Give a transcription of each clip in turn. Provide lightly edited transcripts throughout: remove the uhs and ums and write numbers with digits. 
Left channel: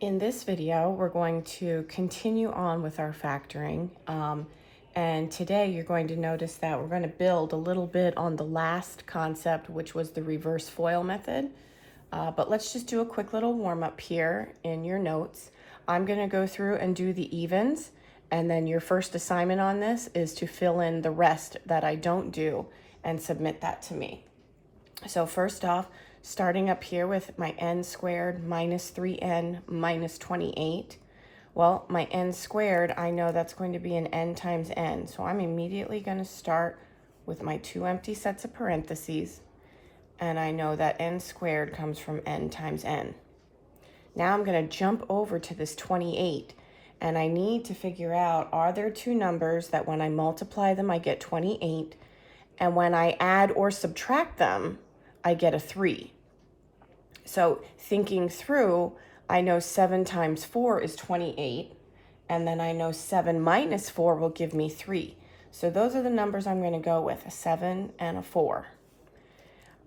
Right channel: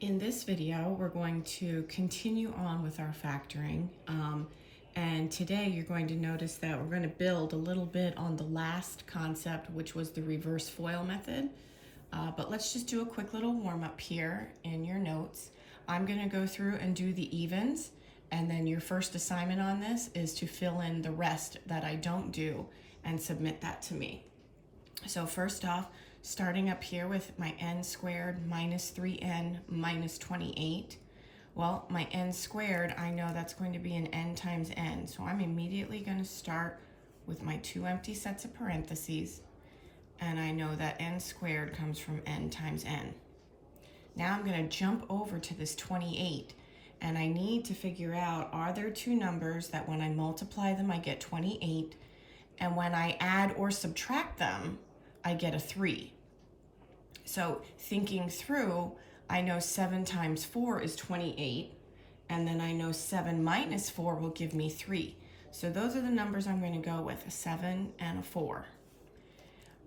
In this video, we're going to continue on with our factoring. And today you're going to notice that we're going to build a little bit on the last concept, which was the reverse FOIL method. But let's just do a quick little warm up here in your notes. I'm going to go through and do the evens. And then your first assignment on this is to fill in the rest that I don't do and submit that to me. So first off, starting up here with my n squared minus 3n minus 28. Well, my n squared, I know that's going to be an n times n. So I'm immediately going to start with my two empty sets of parentheses. And I know that n squared comes from n times n. Now I'm going to jump over to this 28. And I need to figure out, are there two numbers that when I multiply them, I get 28? And when I add or subtract them, I get a 3. So thinking through, I know 7 times 4 is 28, and then I know 7 minus 4 will give me 3. So those are the numbers I'm going to go with, a 7 and a 4.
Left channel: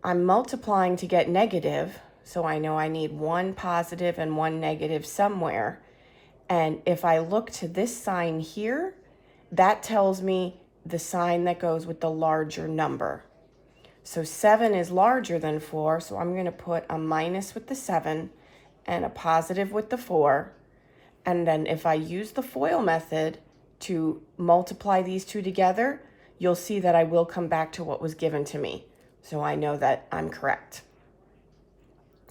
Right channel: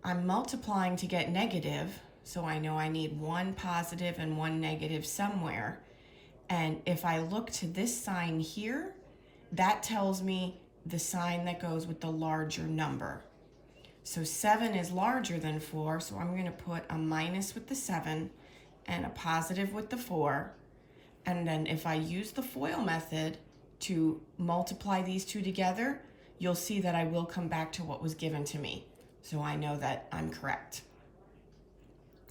I'm multiplying to get negative, so I know I need one positive and one negative somewhere. And if I look to this sign here, that tells me the sign that goes with the larger number. So 7 is larger than 4, so I'm going to put a minus with the 7 and a positive with the 4. And then if I use the FOIL method to multiply these two together, you'll see that I will come back to what was given to me. So I know that I'm correct.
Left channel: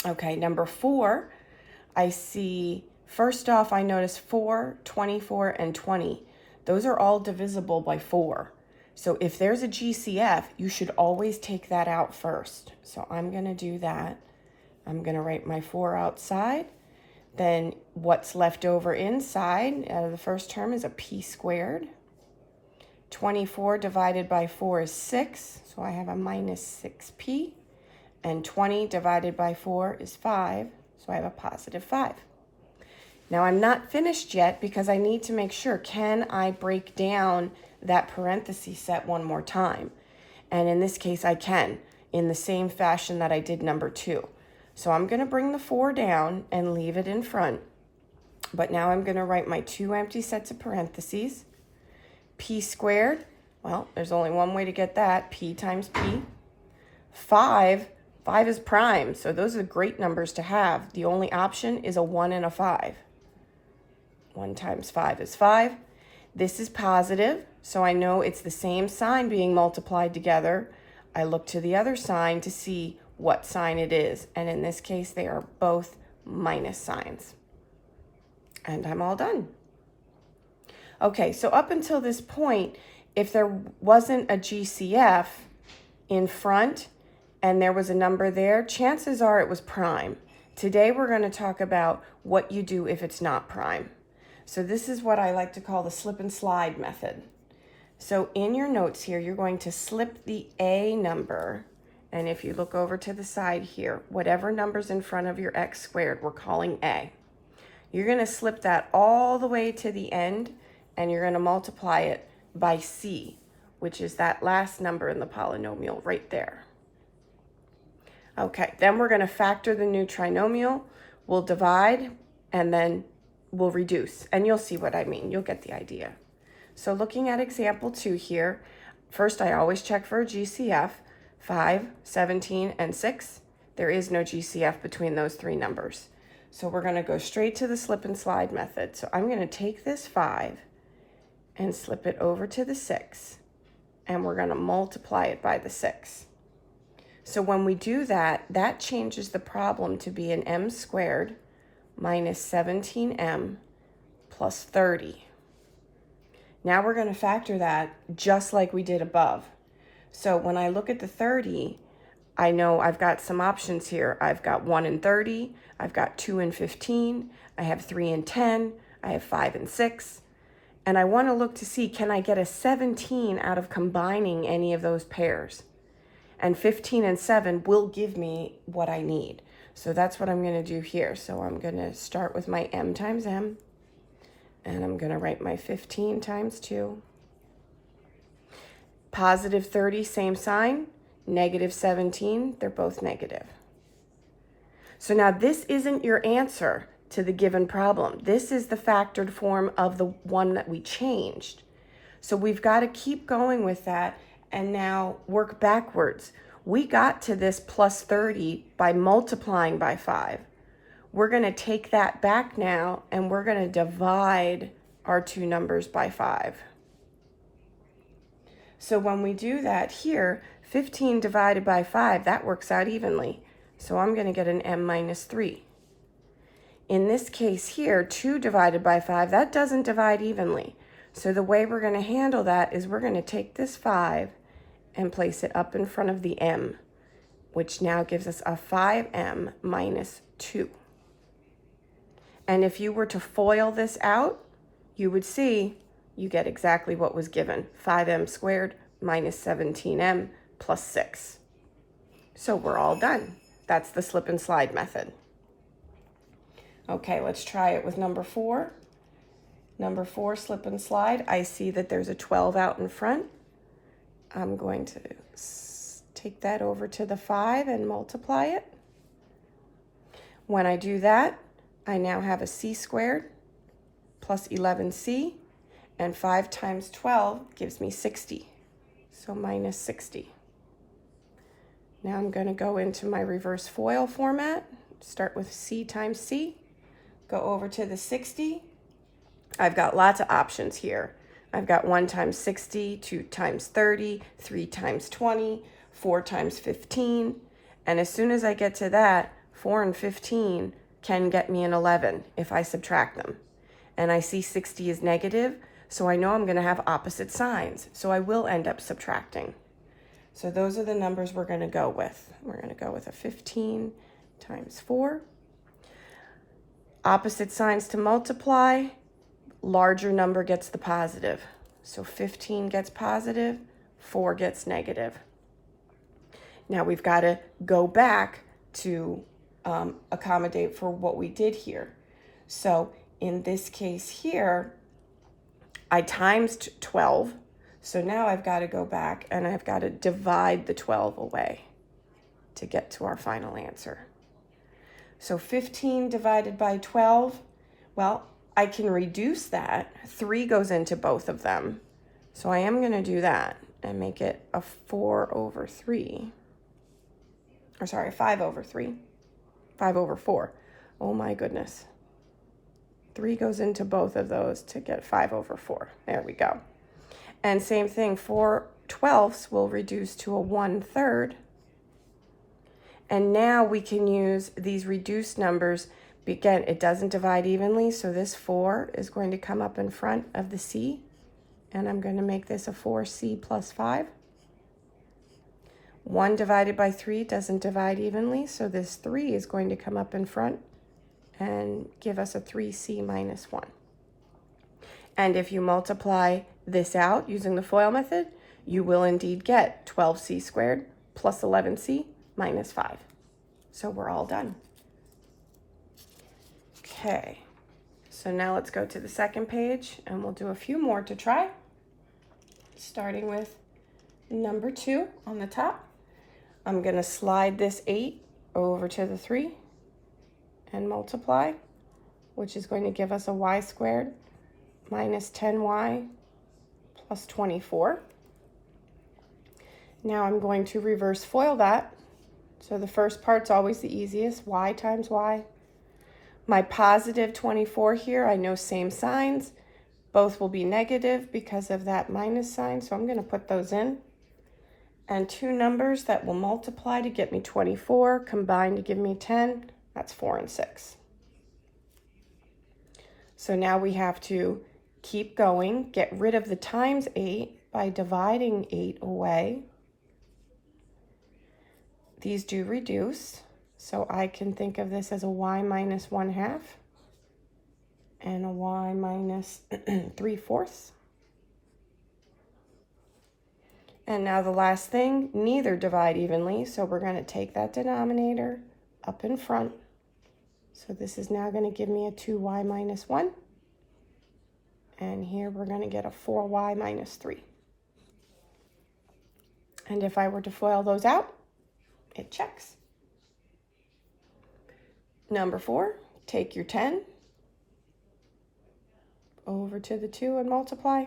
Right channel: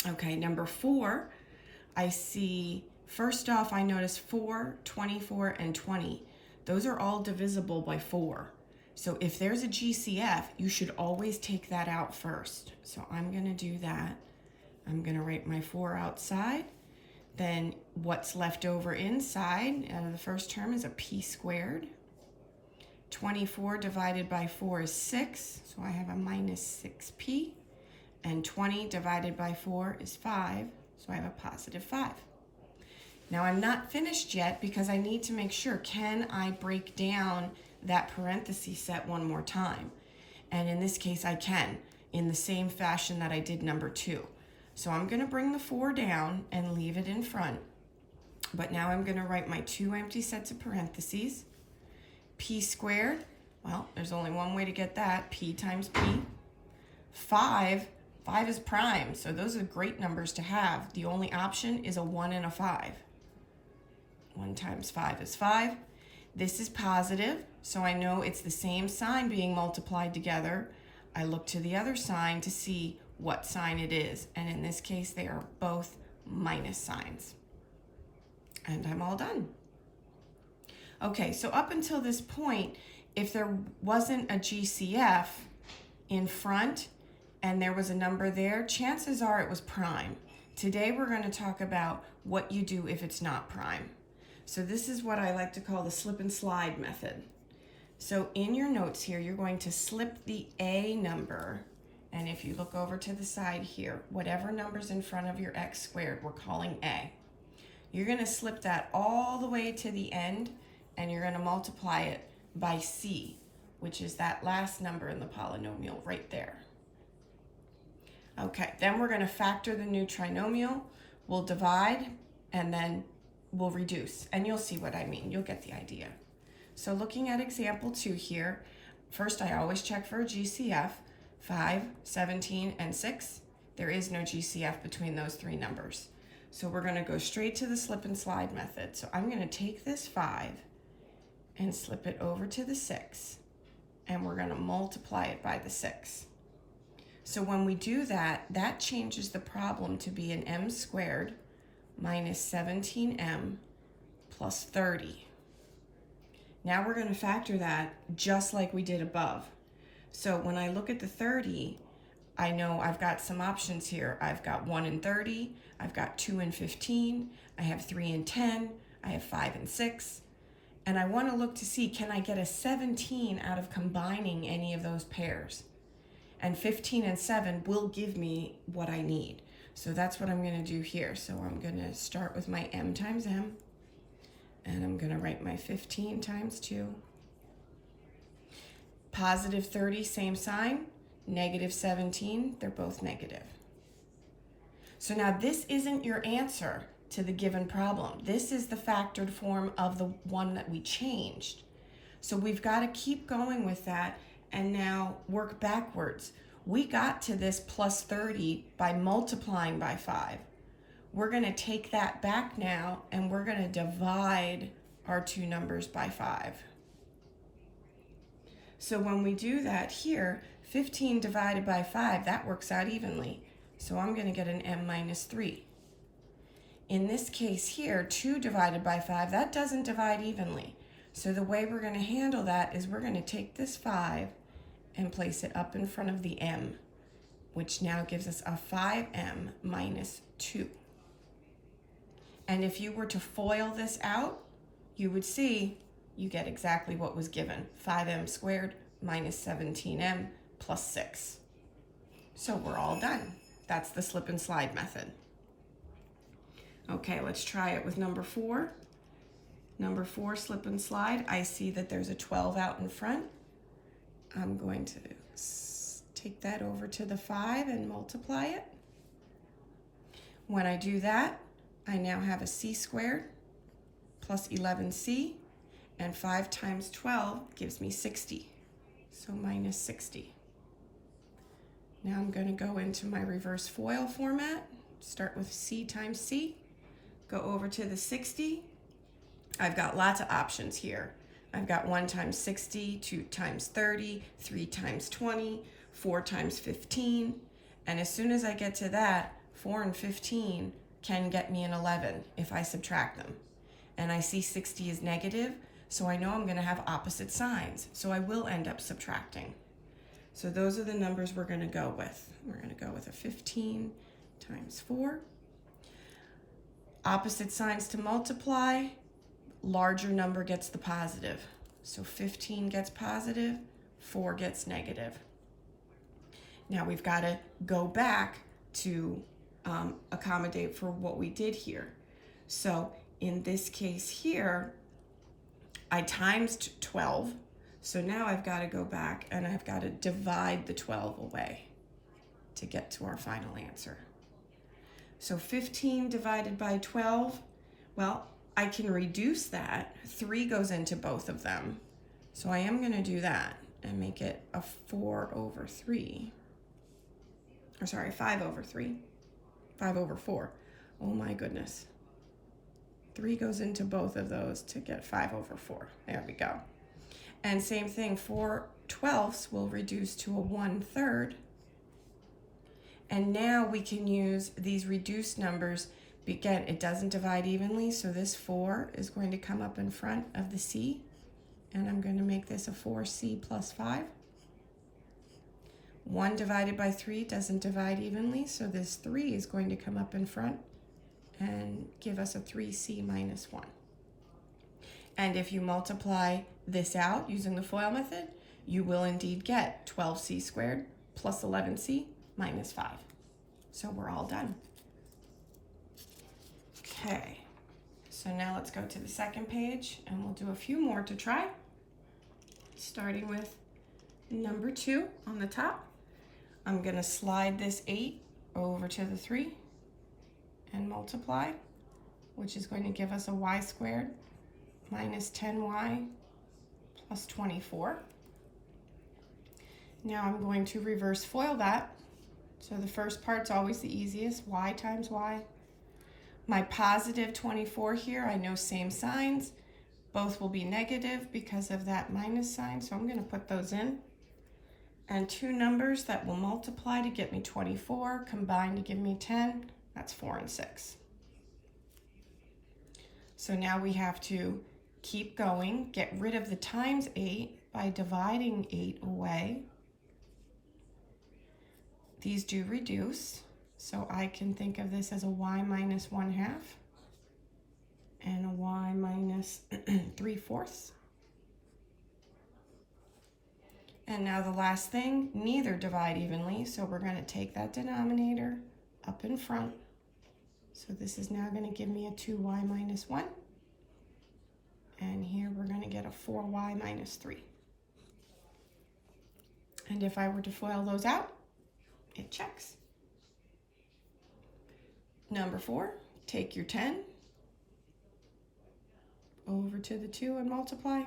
Okay, number 4, I see, first off, I notice 4, 24, and 20. Those are all divisible by 4. So if there's a GCF, you should always take that out first. So I'm going to do that. I'm going to write my 4 outside. Then what's left over inside, the first term is a p squared. 24 divided by 4 is 6, so I have a minus 6p. And 20 divided by 4 is 5, so I have a positive 5. Now I'm not finished yet because I need to make sure, can I break down that parenthesis set one more time? And in this case I can, in the same fashion that I did number 2. So I'm going to bring the 4 down and leave it in front. But now I'm going to write my two empty sets of parentheses. P squared, well, there's only one way to get that, p times p. 5 is prime, so those are great numbers to have. The only option is a 1 and a 5. 1 times 5 is 5. This is positive, so I know it's the same sign being multiplied together. I look to the other sign to see what sign it is, and in this case, they are both minus signs. And I'm all done. Okay, so up until this point, if there wasn't a GCF in front and there was a number there, chances are it was prime. Today, we're going to talk about what you do if it's not prime. So this is what I like to call the slip and slide method. So in your notes here, you're going to slip the A number. And if you look over to the side here, whatever number's in front of your x squared, we're calling A. You're going to slip that all the way to the end, and you're going to multiply it by C, which is that last number in the polynomial right there. Okay, then we're going to factor the new trinomial. We'll divide, and then we'll reduce, and you'll see what I mean. You'll get the idea. So looking at example 2 here, first I always check for a GCF, 5, 17, and 6. There is no GCF between those three numbers. So we're going to go straight to the slip and slide method. So I'm going to take this 5 and slip it over to the 6, and we're going to multiply it by the 6. So when we do that, that changes the problem to be an m squared minus 17m plus 30. Now we're going to factor that just like we did above. So when I look at the 30, I know I've got some options here. I've got 1 and 30, I've got 2 and 15, I have 3 and 10, I have 5 and 6. And I want to look to see, can I get a 17 out of combining any of those pairs? And 15 and 7 will give me what I need. So that's what I'm going to do here. So I'm going to start with my m times m, and I'm going to write my 15 times 2. Positive 30, same sign. Negative 17, they're both negative. So now this isn't your answer. to the given problem. This is the factored form of the one that we changed. So we've got to keep going with that and now work backwards. We got to this plus 30 by multiplying by 5. We're going to take that back now and we're going to divide our two numbers by 5. So when we do that here, 15 divided by 5, that works out evenly. So I'm going to get an m minus 3. In this case here, 2 divided by 5, that doesn't divide evenly. So the way we're going to handle that is we're going to take this 5 and place it up in front of the m, which now gives us a 5m minus 2. And if you were to FOIL this out, you would see you get exactly what was given, 5m squared minus 17m plus 6. So we're all done. That's the slip and slide method. Okay, let's try it with number 4. Number 4, slip and slide. I see that there's a 12 out in front. I'm going to take that over to the 5 and multiply it. When I do that, I now have a c squared plus 11c, and 5 times 12 gives me 60. So minus 60. Now I'm going to go into my reverse FOIL format, start with c times c, go over to the 60. I've got lots of options here. I've got 1 times 60, 2 times 30, 3 times 20, 4 times 15. And as soon as I get to that, 4 and 15 can get me an 11 if I subtract them. And I see 60 is negative, so I know I'm going to have opposite signs. So I will end up subtracting. So those are the numbers we're going to go with. We're going to go with a 15 times 4. Opposite signs to multiply. Larger number gets the positive. So 15 gets positive, 4 gets negative. Now we've got to go back to accommodate for what we did here. So in this case here, I times 12. So now I've got to go back and I've got to divide the 12 away to get to our final answer. So 15 divided by 12, well, I can reduce that. 3 goes into both of them. So I am going to do that and make it a 4 over 3. Or sorry, 5 over 3. 5 over 4. Oh my goodness. 3 goes into both of those to get 5 over 4. There we go. And same thing, 4 twelfths will reduce to a 1/3. And now we can use these reduced numbers. Again, it doesn't divide evenly, so this 4 is going to come up in front of the c, and I'm going to make this a 4c plus 5. 1 divided by 3 doesn't divide evenly, so this 3 is going to come up in front and give us a 3c minus 1. And if you multiply this out using the FOIL method, you will indeed get 12c squared plus 11c minus 5. So we're all done. Okay, so now let's go to the second page and we'll do a few more to try. Starting with number 2 on the top. I'm going to slide this 8 over to the 3 and multiply, which is going to give us a y squared minus 10y plus 24. Now I'm going to reverse FOIL that. So the first part's always the easiest, y times y. My positive 24 here, I know same signs. Both will be negative because of that minus sign, so I'm going to put those in. And 2 numbers that will multiply to get me 24, combine to give me 10, that's 4 and 6. So now we have to keep going, get rid of the times 8 by dividing 8 away. These do reduce, so I can think of this as a y minus 1/2 and a y minus 3/4. And now the last thing, neither divide evenly, so we're going to take that denominator up in front. So this is now going to give me a 2y minus 1. And here we're going to get a 4y minus 3. And if I were to FOIL those out, it checks. Number 4, take your 10 over to the 2 and multiply.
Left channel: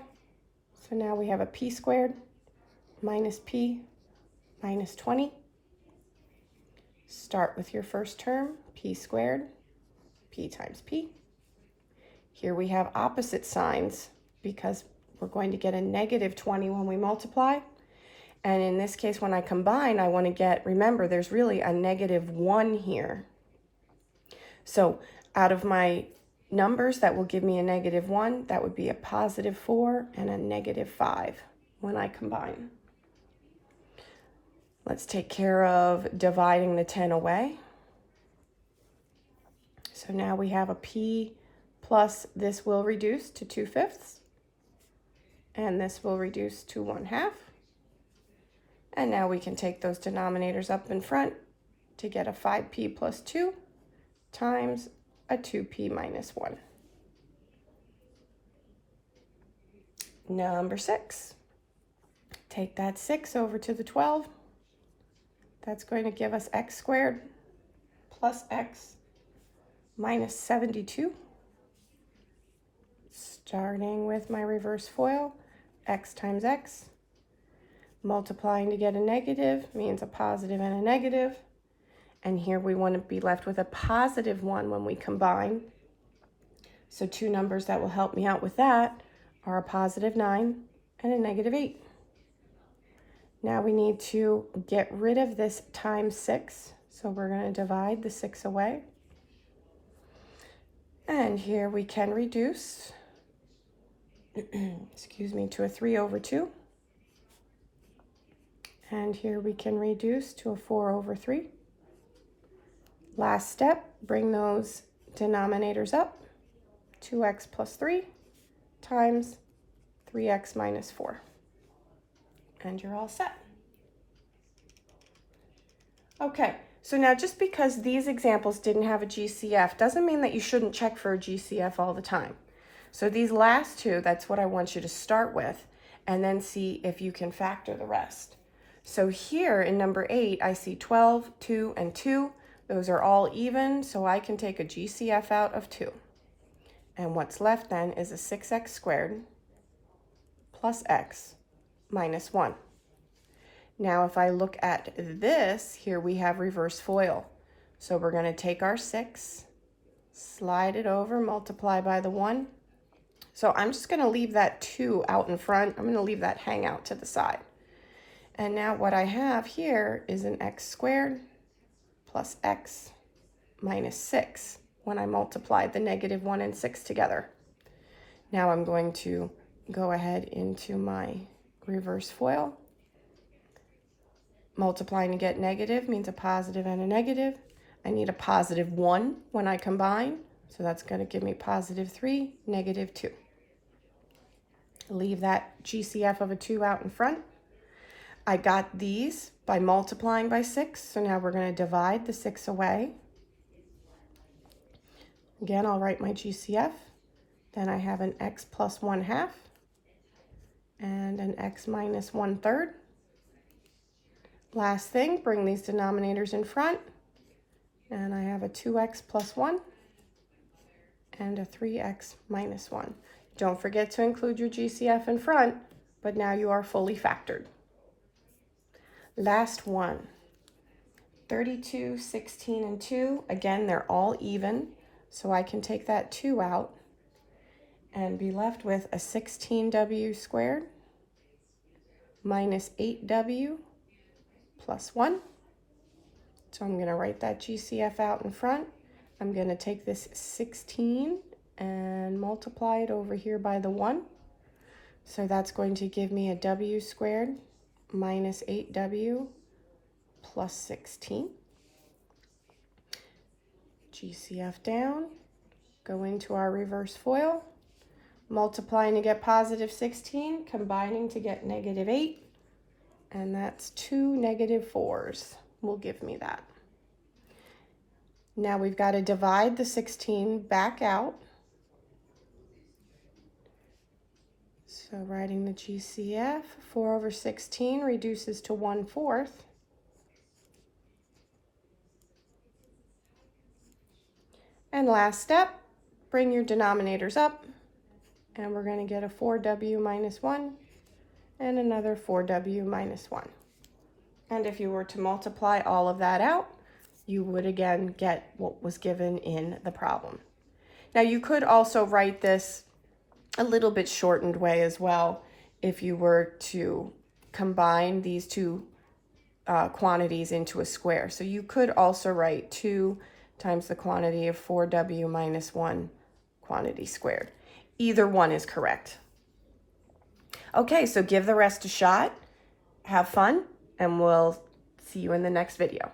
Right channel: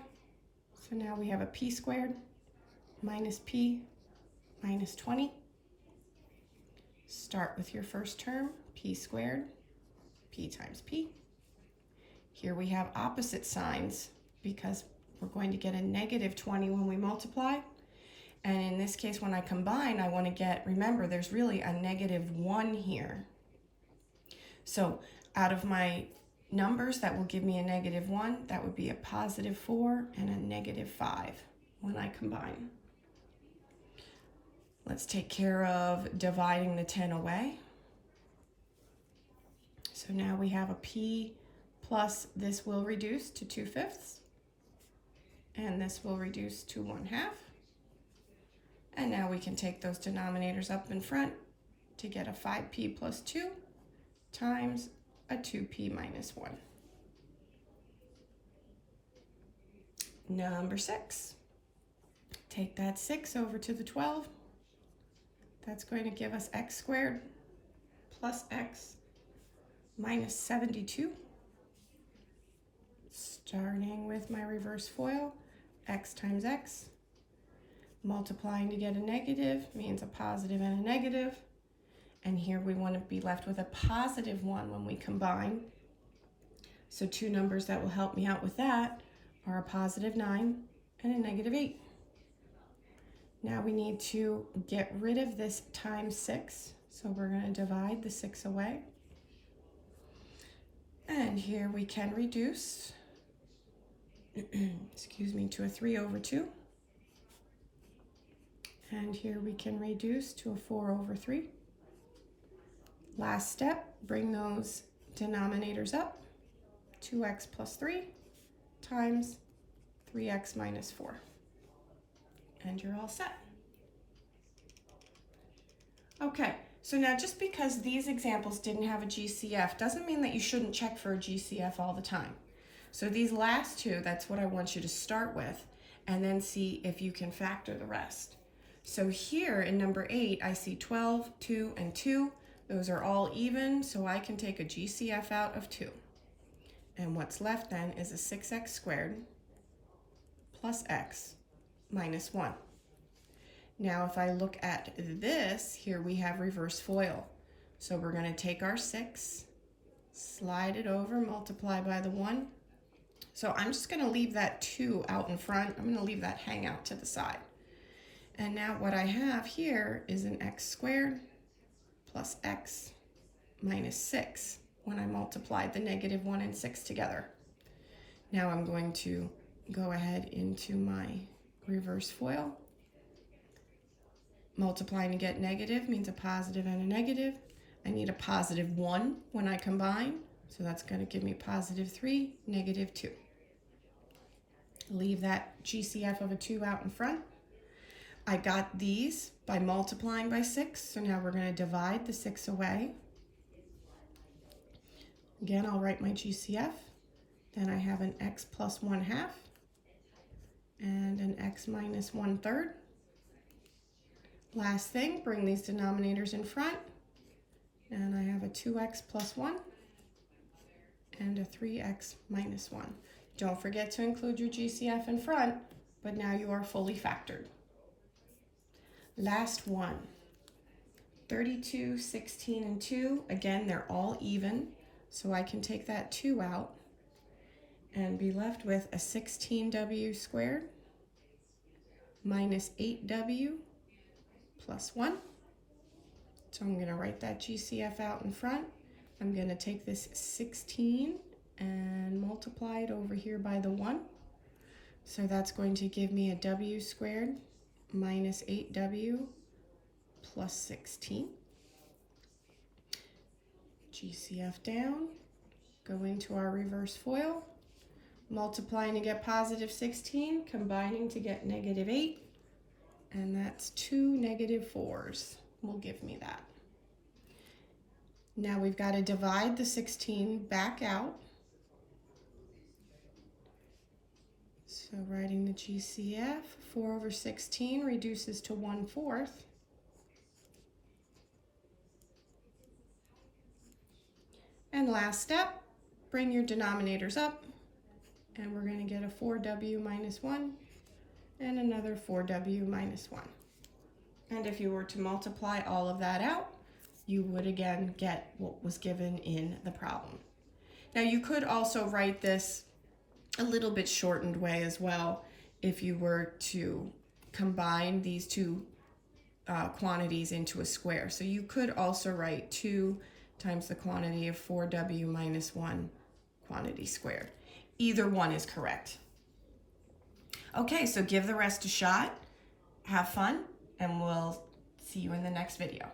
So now we have a p squared minus p minus 20. Start with your first term, p squared, p times p. Here we have opposite signs because we're going to get a negative 20 when we multiply. And in this case, when I combine, I want to get, remember, there's really a negative 1 here. So out of my numbers that will give me a negative 1, that would be a positive 4 and a negative 5 when I combine. Let's take care of dividing the 10 away. So now we have a p plus this will reduce to 2/5, and this will reduce to 1/2. And now we can take those denominators up in front to get a 5p plus 2 times a 2p minus 1. Number 6. Take that 6 over to the 12. That's going to give us x squared plus x minus 72. Starting with my reverse FOIL, x times x. Multiplying to get a negative means a positive and a negative. And here we want to be left with a positive 1 when we combine. So two numbers that will help me out with that are a positive 9 and a negative 8. Now we need to get rid of this times 6. So we're going to divide the 6 away. And here we can reduce, excuse me, to a 3 over 2. And here we can reduce to a 4 over 3. Last step, bring those denominators up. 2x plus 3 times 3x minus 4. And you're all set. Okay, so now just because these examples didn't have a GCF doesn't mean that you shouldn't check for a GCF all the time. So these last two, that's what I want you to start with, and then see if you can factor the rest. So here in number 8, I see 12, 2, and 2. Those are all even, so I can take a GCF out of 2. And what's left then is a 6x squared plus x minus 1. Now if I look at this, here we have reverse FOIL. So we're going to take our 6, slide it over, multiply by the 1. So I'm just going to leave that 2 out in front. I'm going to leave that hang out to the side. And now what I have here is an x squared plus x minus 6 when I multiplied the negative 1 and 6 together. Now I'm going to go ahead into my reverse FOIL. Multiplying to get negative means a positive and a negative. I need a positive 1 when I combine, so that's going to give me positive 3, negative 2. Leave that GCF of a 2 out in front. I got these by multiplying by 6, so now we're going to divide the 6 away. Again, I'll write my GCF. Then I have an x plus 1/2 and an x minus 1/3. Last thing, bring these denominators in front, and I have a 2x plus 1 and a 3x minus 1. Don't forget to include your GCF in front, but now you are fully factored. Last one, 32, 16, and 2. Again, they're all even, so I can take that 2 out and be left with a 16w squared minus 8w plus 1. So I'm going to write that GCF out in front. I'm going to take this 16 and multiply it over here by the 1. So that's going to give me a w squared minus 8w plus 16. GCF down, go into our reverse FOIL, multiplying to get positive 16, combining to get negative 8, and that's 2 negative 4s will give me that. Now we've got to divide the 16 back out. So writing the GCF, 4 over 16 reduces to 1/4. And last step, bring your denominators up, and we're going to get a 4w minus 1 and another 4w minus 1. And if you were to multiply all of that out, you would again get what was given in the problem. Now you could also write this a little bit shortened way as well if you were to combine these two quantities into a square. So you could also write 2 times the quantity of 4w minus 1 quantity squared. Either one is correct. Okay, so give the rest a shot, have fun, and we'll see you in the next video.